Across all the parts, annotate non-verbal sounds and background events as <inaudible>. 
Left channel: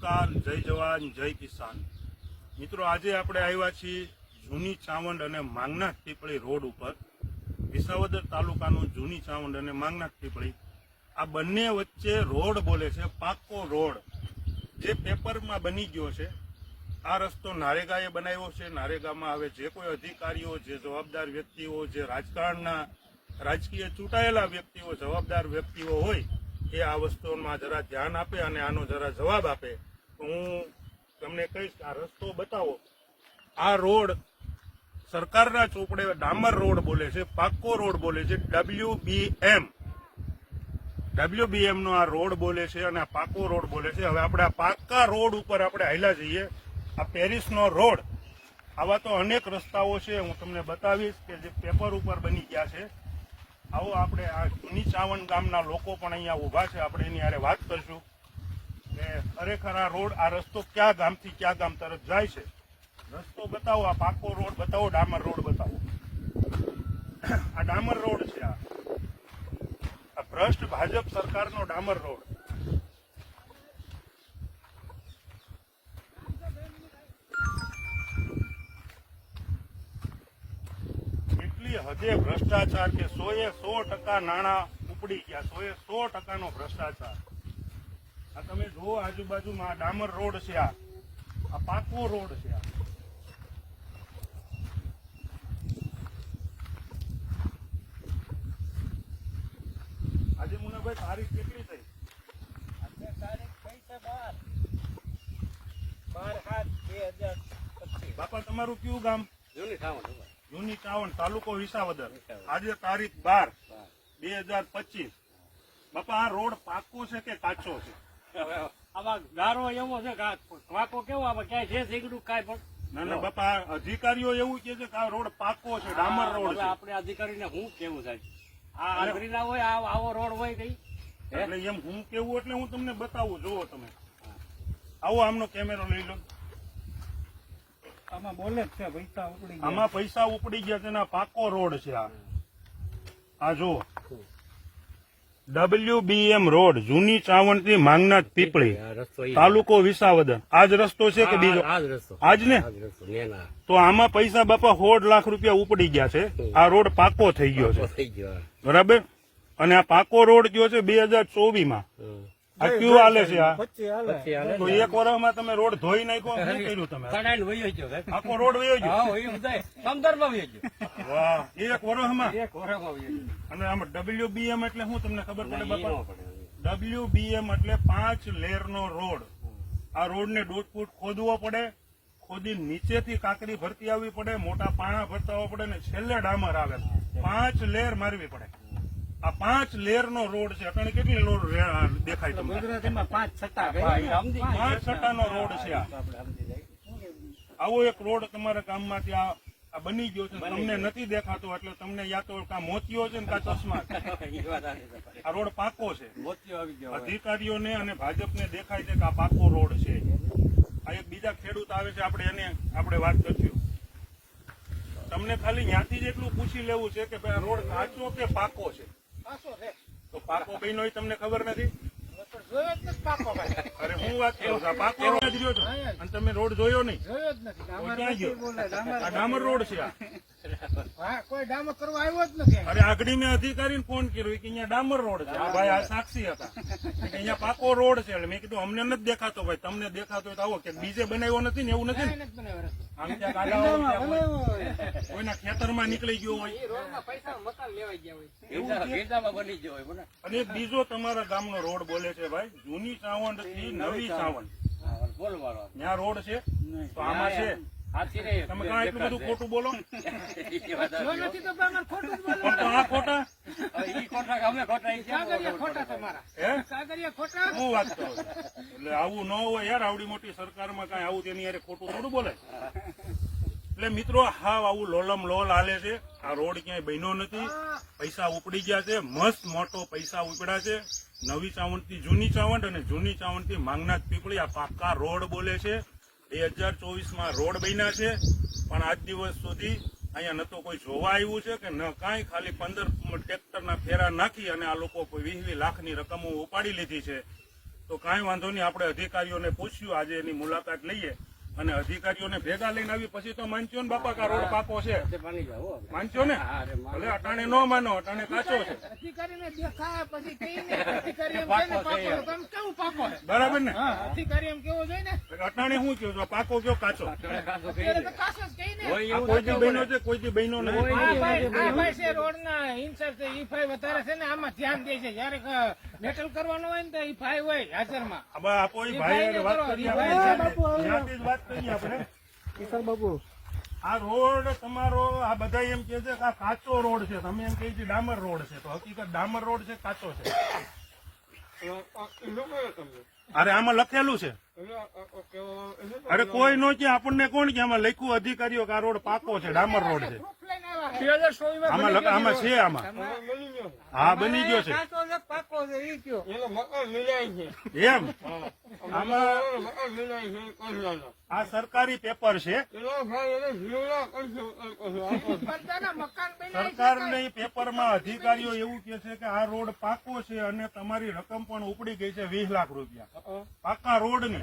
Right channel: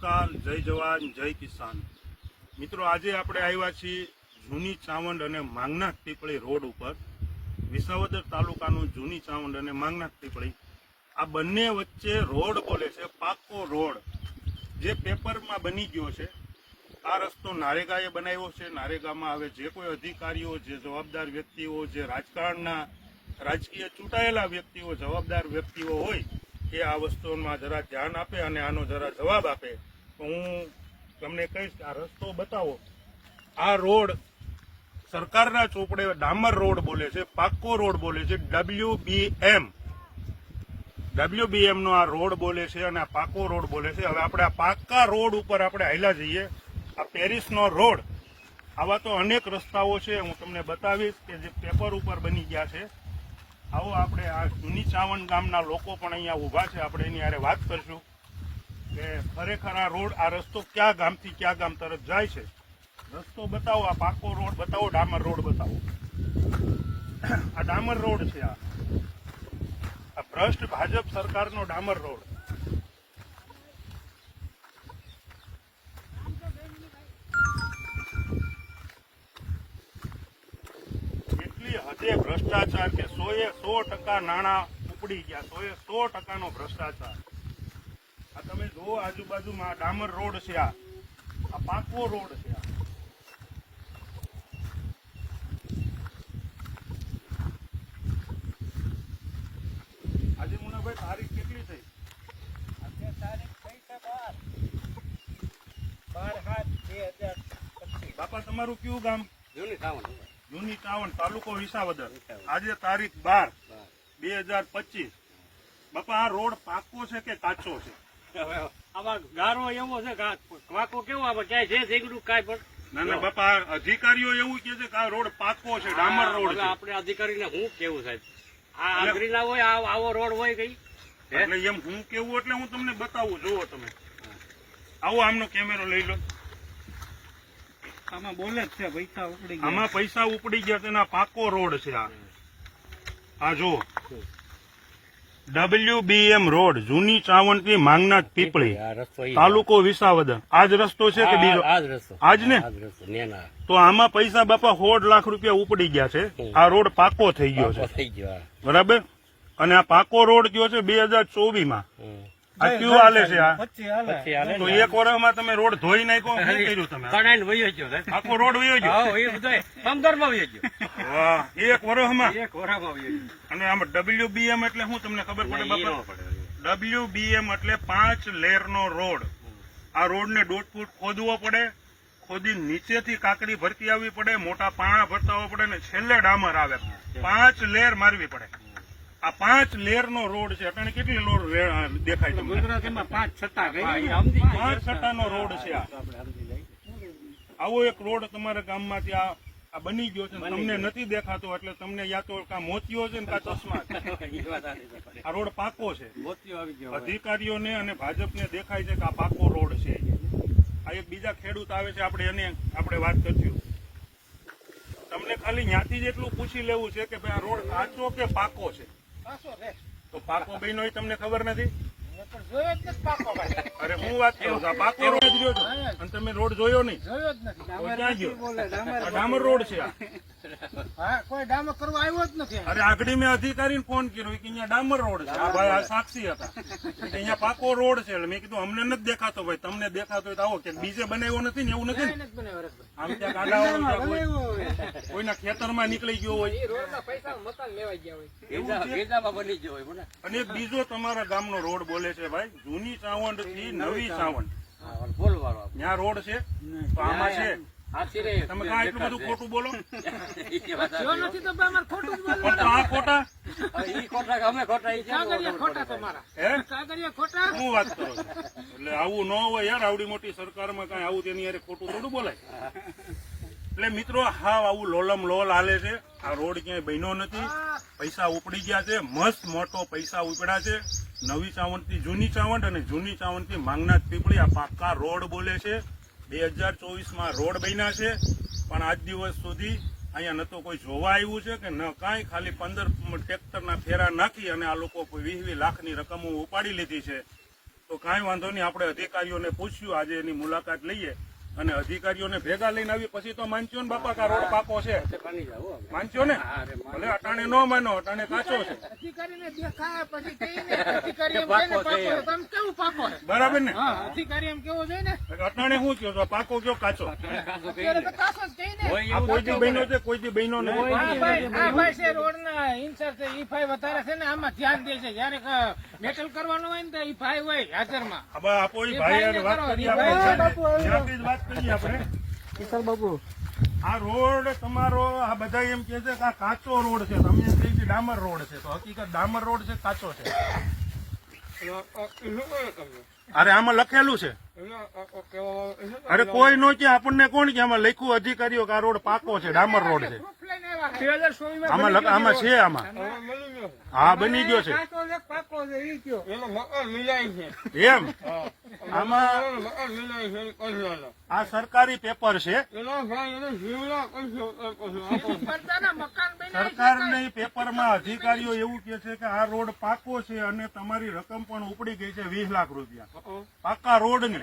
નમસ્કાર, જય જવાન, જય કિસાન. મિત્રો, આજે આપણે આવ્યા છીએ જૂની ચાવંડ અને માંગનાથ પીપળી રોડ ઉપર. વિસાવદર તાલુકાનું જૂની ચાવંડ અને માંગનાથ પીપળી. આ બંને વચ્ચે રોડ બોલે છે, પાકો રોડ. જે પેપરમાં બની ગયો છે, આ રસ્તો નારેગાએ બનાવ્યો છે. નારેગામાં હવે જે કોઈ અધિકારીઓ, જે જવાબદાર વ્યક્તિઓ, જે રાજકારણના રાજકીય ચૂંટાયેલા વ્યક્તિઓ, જવાબદાર વ્યક્તિઓ હોય, એ આ વસ્તુમાં જરા ધ્યાન આપે અને આનો જરા જવાબ આપે. હું તમને કહીશ કે આ રસ્તો બતાવો. આ રોડ સરકારના ચોપડે ડામર રોડ બોલે છે, પાક્કો રોડ બોલે છે W B M W B એમ આ રોડ બોલે છે અને આ પાકો રોડ બોલે છે. હવે આપણે આ પાક્કા રોડ ઉપર આપણે હાલ્યા જઈએ. આ પેરિસનો રોડ. આવા તો અનેક રસ્તાઓ છે. હું તમને બતાવીશ કે જે પેપર ઉપર બની ગયા છે. આવો આપણે આ જૂની ચાવણ ગામના લોકો પણ અહીંયા ઊભા છે. આપણે એની હારે વાત કરીશું. કે ખરેખર આ રોડ, આ રસ્તો ક્યાં ગામથી ક્યાં ગામ તરફ જાય છે? રસ્તો બતાવો, આ પાકો રોડ બતાવો, ડામર રોડ બતાવો. આ ડામર રોડ છે આ. આ ભ્રષ્ટ ભાજપ સરકારનો ડામર રોડ. એટલી હદે ભ્રષ્ટાચાર કે સોએ સો ટકા નાણાં ઉપડી ગયા, સોએ સો ટકાનો ભ્રષ્ટાચાર. આ તમે જુઓ આજુબાજુમાં ડામર રોડ છે આ. આ પાકો રોડ છે આ. આજે મુનાભાઈ તારીખ કેટલી થઈ? આજે તારીખ થઈ છે બાર. બાર સાત બે હજાર બાપા તમારું કયું ગામ? જૂની ખાવાનું જૂની ચાવણ તાલુકો વિસાવદર. આજે તારીખ બાર બાર. બે હજાર પચીસ. બાપા આ રોડ પાકો છે કે કાચો છે? આમાં ગારો એવો છે કે આ વાંકો કેવો આમાં ક્યાંય છે ઝીંગડું કાંઈ પણ. ના ના બાપા અધિકારીઓ એવું કે છે કે આ રોડ પાકો છે ડામર રોડ છે. આપણે અધિકારીને હું કેવું સાહેબ? આ આંગળી ના હોય આ- આવો રોડ હોય કઈ? એટલે એમ હું કેવું એટલે હું તમને બતાવું જુઓ તમે. આવો આમનો કેમેરો લઈ લો. આમાં બોલે જ છે પૈસા ઉપડી આમાં પૈસા ઉપડી ગયા તેના પાકો રોડ છે આ. આ જુઓ. ડબલ્યુ બી એમ રોડ જૂની ચાવંતી માંગનાથ પીપળી તાલુકો વિસાવદર. આ જ રસ્તો છે કે બીજો? આજ ને? તો આમાં પૈસા બાપા સોળ લાખ રૂપિયા ઉપડી ગયા છે. આ રોડ પાકો થઈ ગયો છે. બરાબર? અને આ પાકો રોડ કયો છે બે હજાર ચોવીસમાં. આ કયું હાલે છે આ? તો. એક વર્ષમાં તમે રોડ ધોઈ નાખ્યો? શું કર્યું તમે? કણાઈને વયો ગયો આખો રોડ વયો ગયો? એ બધાય પંદરમાં વયો ગયો. વાહ એક વર્ષમાં એક વરામાં વયો ગયો. અને આમ ડબલ્યુ બી એમ એટલે શું તમને ખબર પડે બાપા? ન ડબલ્યુ બી એટલે પાંચ લેર નો રોડ. આ રોડ ને દોઢ ફૂટ ખોદવો પડે ખોદી નીચેથી કાકડી ભરતી આવવી પડે મોટા પાણા ભરતા પડે ને છેલ્લે ડામર આવે. પાંચ લેર મારવી પડે. આ પાંચ લેર નો રોડ છે. અટાણે કેટલી લોડ દેખાય છે ગુજરાત એમાં પાંચ છટા પાંચ સમજી નો રોડ છે આ. આવો એક રોડ તમારા ગામમાંથી આ આ બની ગયો છે. તમને નથી દેખાતો એટલે તમને યા તો કા મોતિયો છે ને કા ચશ્મા <laughs> આ રોડ પાકો છે. અધિકારીઓને અને ભાજપને દેખાય છે કે આ પાકો રોડ છે. આ એક બીજા ખેડૂત આવે છે. આપણે એને આપણે વાત કરશું. તમને ખાલી ત્યાંથી જ એટલું પૂછી લેવું છે કે ભાઈ આ રોડ કાચો કે પાકો છે? તો પાકો એ તમને ખબર નથી? અરે હું વાત કરું છું આ પાકો રોડ જ રહ્યો છો. અને તમે રોડ જોયો નહીં. જોયો જ નથી. ડામર ગયો? રોડ છે આ. કોઈ ડામર કરવા આવ્યો જ નથી. અરે આગળ મેં અધિકારીને ફોન કર્યો કે અહીંયા ડામર રોડ છે. આ ભાઈ આ સાક્ષી હતા. અહીંયા પાકો રોડ છે એટલે મેં કીધું અમને નથી દેખાતો ભાઈ તમને દેખાતો હોય તો આવો. કે બીજે બનાવ્યો નથી ને એવું નથી. આમ ક્યાંક આડાઅવળું ક્યાંક હોય. બનાવ્યો હોય. કોઈના ખેતરમાં નીકળી ગયો હોય. એવું બની ગયો હોય અને બીજો તમારા ગામનો રોડ બોલે છે. ભાઈ? જૂની ચાવંડથી નવી ચાવંડ. ત્યાં રોડ છે? તો આમાં છે? તમે કાં એટલું બધું ખોટું બોલો? <laughs> ખોટું હે? કાગળિયા ખોટા? શું વાત કરો એટલે આવું ન હોય યાર આવડી મોટી સરકારમાં કઈ આવું તેની યારે ખોટું થોડું બોલાય. <laughs> એટલે મિત્રો, હાવ આવું લોલમ લોલ હાલે છે. આ રોડ ક્યાંય બન્યો નથી. પૈસા ઉપડી ગયા છે. મસ્ત મોટો પૈસા ઉપડ્યા છે. નવી ચાવણથી જૂની ચાવંટ અને જૂની ચાવણથી માંગનાથ પીપળી. આ પાક્કા રોડ બોલે છે. બે હજાર ચોવીસમાં રોડ બન્યા છે. પણ આજ દિવસ સુધી અહીંયા ન તો કોઈ જોવા આવ્યું છે કે ન કાંઈ. ખાલી પંદર ટ્રેક્ટરના ફેરા નાખી અને આ લોકો વીસ વીસ લાખની રકમો ઉપાડી લીધી છે. તો કાંઈ વાંધો નહીં, આપણે અધિકારીઓને પૂછ્યું. આજે એની મુલાકાત લઈએ. અને અધિકારીઓને ભેગા લઈને આવી. પછી તો માનજો ને બાપા કા રોડ પાકો છે. માનજો ને? ભલે અટાણે ન માનો અટાણે કાચો છે. અધિકારીને દેખાય પછી કહીને <laughs> અધિકારી એમ પાકો છે કેવું પાકો છે? બરાબર ને? અધિકારી એમ કેવો છે ને? અટાણે શું કયો છો? પાકો કયો કાચો? જ કોઈ દી બહેનો છે? કોઈ દી બહેનો નથી. રોડ ના ઇન્સર છે રોડના ઇન્ચાર્જ છે. ઈ ફાઈ વધારે છે ને આમાં ધ્યાન દે છે. જયારે મેટલ કરવાનું હોય ને તો ઈ ફાઈ હોય હાજરમાં. આપો ભાઈ વાત કરી આપણે વાત કરીએ આપણે. કિશોર બાબુ. આ રોડ તમારો આ બધા એમ કે છે કે આ કાચો રોડ છે. તમે એમ કહે છે ડામર રોડ છે. તો હકીકત ડામર રોડ છે કાચો છે? અરે આમાં લખેલું છે. અરે કોઈ નો કે આપણને કોણ કે? આમાં લખ્યું અધિકારીઓ કે આ રોડ પાકો છે, ડામર રોડ છે. આમાં છે આમાં. હા, બની ગયો છે. એમ? આમાં આ સરકારી પેપર છે. સરકારની પેપરમાં અધિકારીઓ એવું કે છે કે આ રોડ પાકો છે અને તમારી રકમ પણ ઉપડી ગઈ છે વીસ લાખ રૂપિયા. પાકા રોડની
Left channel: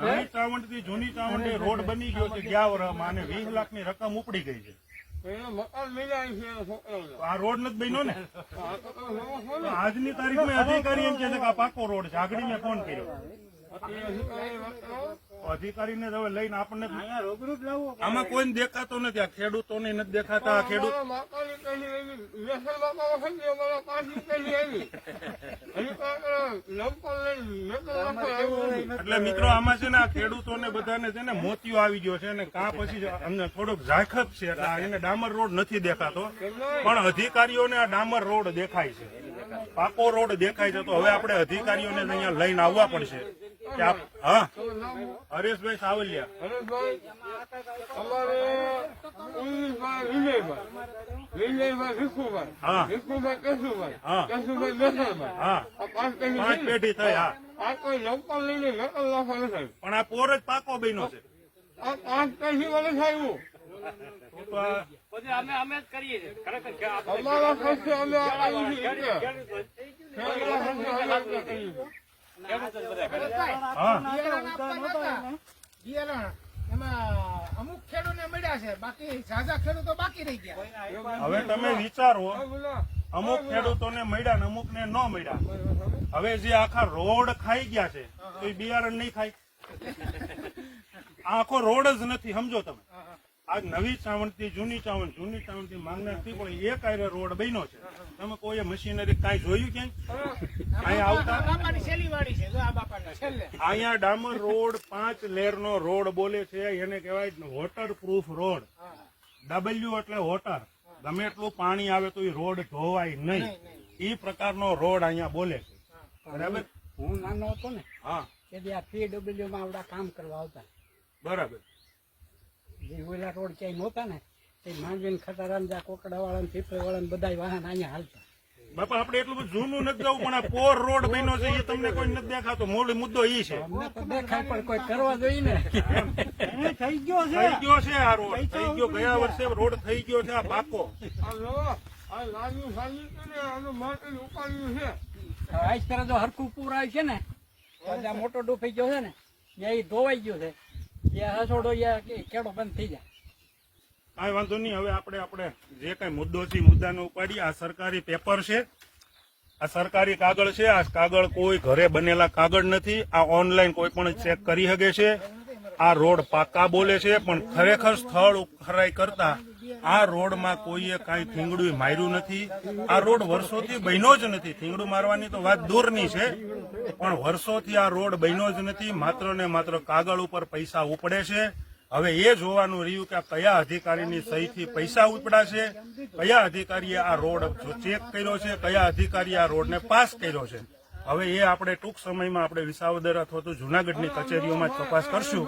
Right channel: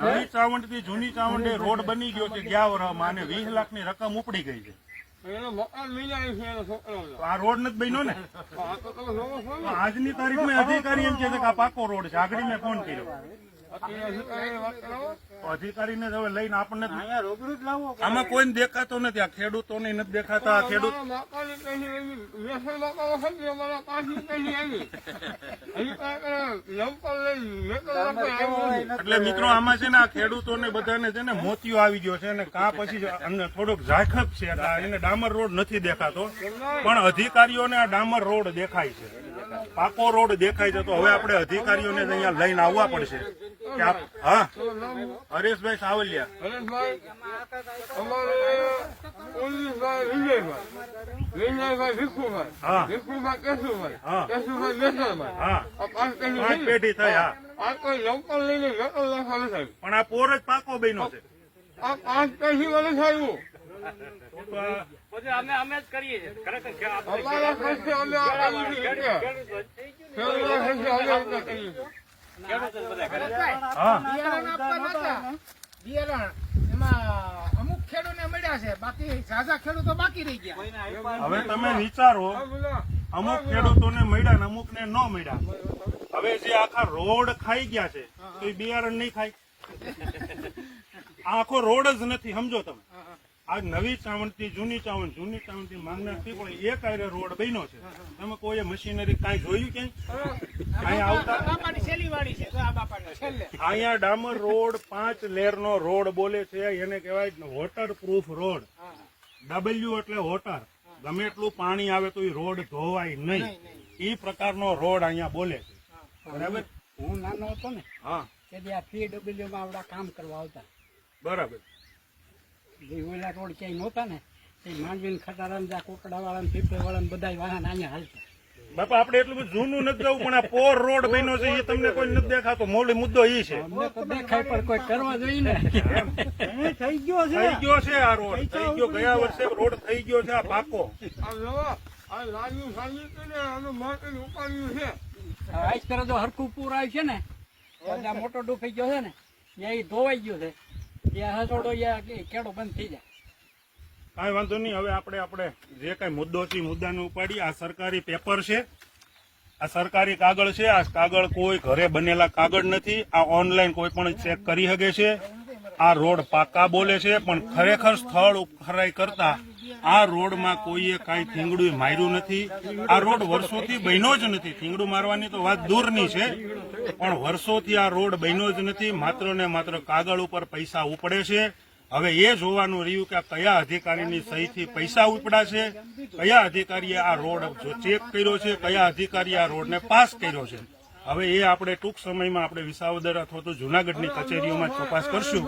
નવી ચાવંડથી જૂની ચાવંડ રોડ બની ગયો છે ગયા વર્ષમાં અને વીસ લાખની રકમ ઉપડી ગઈ છે. આ રોડ નથી બન્યો ને? આજની આજની તારીખમાં અધિકારી એમ કે આ પાકો રોડ છે. આગળ મેં ફોન કર્યો. અધિકારીને હવે લઈને આપણને આમાં કોઈ દેખાતો નથી આ ખેડૂતોને નથી દેખાતા ખેડૂત એટલે મિત્રો આમાં છે ને આ ખેડૂતોને બધાને છે ને મોતિયો આવી ગયો છે અને કા પછી અમને થોડોક ઝાખપ છે એટલે આ એને ડામર રોડ નથી દેખાતો. પણ અધિકારીઓને આ ડામર રોડ દેખાય છે. પાકો રોડ દેખાય છે તો હવે આપણે અધિકારીઓને અહીંયા લઈને આવવા પડશે. કે આપ હા? હરેશભાઈ સાવલિયા. હા. હા. હા. પાંચ પેઢી થઈ. હા. પણ આ પોર જ પાકો બન્યો છે. પાંચ પેઢી વાળું આ ખર્ચે અમે જ કરીએ છીએ. અમારા ખર્ચે અમે આ કરી શકીએ. હા ઝાઝા ખેડૂતો બાકી રહી ગયા હવે તમે વિચારો, અમુક ખેડૂતો ખેડૂતોને મળ્યા ને અમુક ને ન મળ્યા. હવે જે આખા રોડ ખાઈ ગયા છે એ બિયારણ નહીં ખાય. આખો રોડ જ નથી, સમજો તમે. આ નવી ચાવણથી જૂની ચાવણ જૂની ચાવણથી માંગના થી પણ એક આરે રોડ બન્યો છે. તમે કોઈ મશીનરી કાંઈ જોયું કે? અહીંયા આવતા અહીંયા ડામર રોડ પાંચ લેરનો રોડ બોલે છે એને કહેવાય વોટર પ્રૂફ રોડ. ડબલ્યુ એટલે વોટર ગમે એટલું પાણી આવે તો એ રોડ ધોવાય નહીં. એ પ્રકારનો રોડ અહીંયા બોલે છે. બરાબર? હું નાનો હતો ને હા. તે આ પીડબ્લ્યુ માં આવડા કામ કરવા આવતા. બરાબર. ઓલા રોડ ક્યાંય નહોતા ને તે માંડવીને ખટારાને વાળા કોકડાવાળા પીપળવાળા બધા વાહન અહીંયા હાલતા. બાપા આપણે એટલું બધું જૂનું નથી જવું પણ આ પોર રોડ બન્યો છે એ તમને કોઈ નથી દેખાતો. મૂળ મુદ્દો એ છે. અમને તો દેખાય પણ કોઈ કરવા જોઈએ ને. થઈ ગયો થઈ ગયો છે આ રોડ. થઈ ગયો ગયા વર્ષે રોડ થઈ ગયો છે આ પાકો આ લાગ્યું સાંજ્યું હતું ને આનું માટી ઉપાડ્યું છે. આજ તરફ જો હરખું પૂર આવે છે ને. મોટો ડૂફી ગયો છે ને. ત્યાં એ ધોવાઈ ગયો છે. હસોડો કેડો બંધ થઈ જાય. કાંઈ વાંધો નહીં, હવે આપણે આપણે જે કાંઈ મુદ્દો છે મુદ્દાને ઉપાડી આ સરકારી પેપર છે, આ સરકારી કાગળ છે, આ કાગળ કોઈ ઘરે બનેલા કાગળ નથી. આ ઓનલાઈન કોઈ પણ ચેક કરી શકે છે. આ રોડ પાકા બોલે છે, પણ ખરેખર સ્થળ ખરાઈ કરતા આ રોડમાં કોઈએ કાંઈ થીંગડું માર્યું નથી. આ રોડ વર્ષોથી બન્યો જ નથી. થીંગડું મારવાની તો વાત દૂરની છે. પણ વર્ષોથી આ રોડ બન્યો જ નથી. માત્ર ને માત્ર કાગળ ઉપર પૈસા ઉપડે છે. હવે એ જોવાનું રહ્યું કે કયા અધિકારીની સહીથી પૈસા ઉપડા છે? કયા અધિકારીએ આ રોડ ચેક કર્યો છે? કયા અધિકારીએ આ રોડને પાસ કર્યો છે? હવે એ આપણે ટૂંક સમયમાં આપણે વિસાવદર અથવા તો જુનાગઢની કચેરીઓમાં તપાસ કરશું.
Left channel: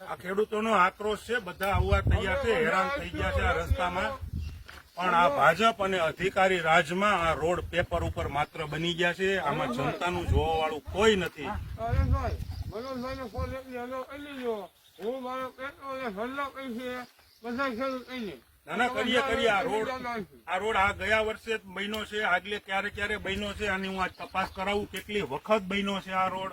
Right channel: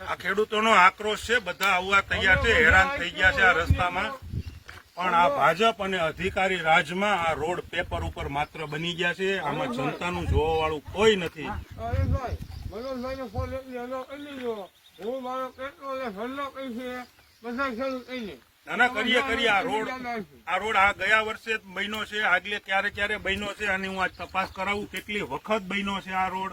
આ ખેડૂતોનો આક્રોશ છે, બધા આવવા તૈયાર છે, હેરાન થઈ ગયા છે આ રસ્તામાં. પણ આ ભાજપ અને અધિકારી રાજમાં આ રોડ પેપર ઉપર માત્ર બની ગયા છે, આમાં જનતાનું જોવા વાળું કોઈ નથી. ના કરીએ કરીએ, આ રોડ આ રોડ આ ગયા વર્ષે બન્યો છે, આગલે ક્યારે ક્યારે બન્યો છે અને હું આજ તપાસ કરાવું, કેટલી વખત બન્યો છે આ રોડ?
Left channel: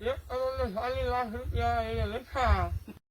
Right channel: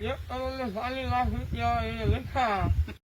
એક કરોડ ને ચાલીસ લાખ રૂપિયા એ લખ્યા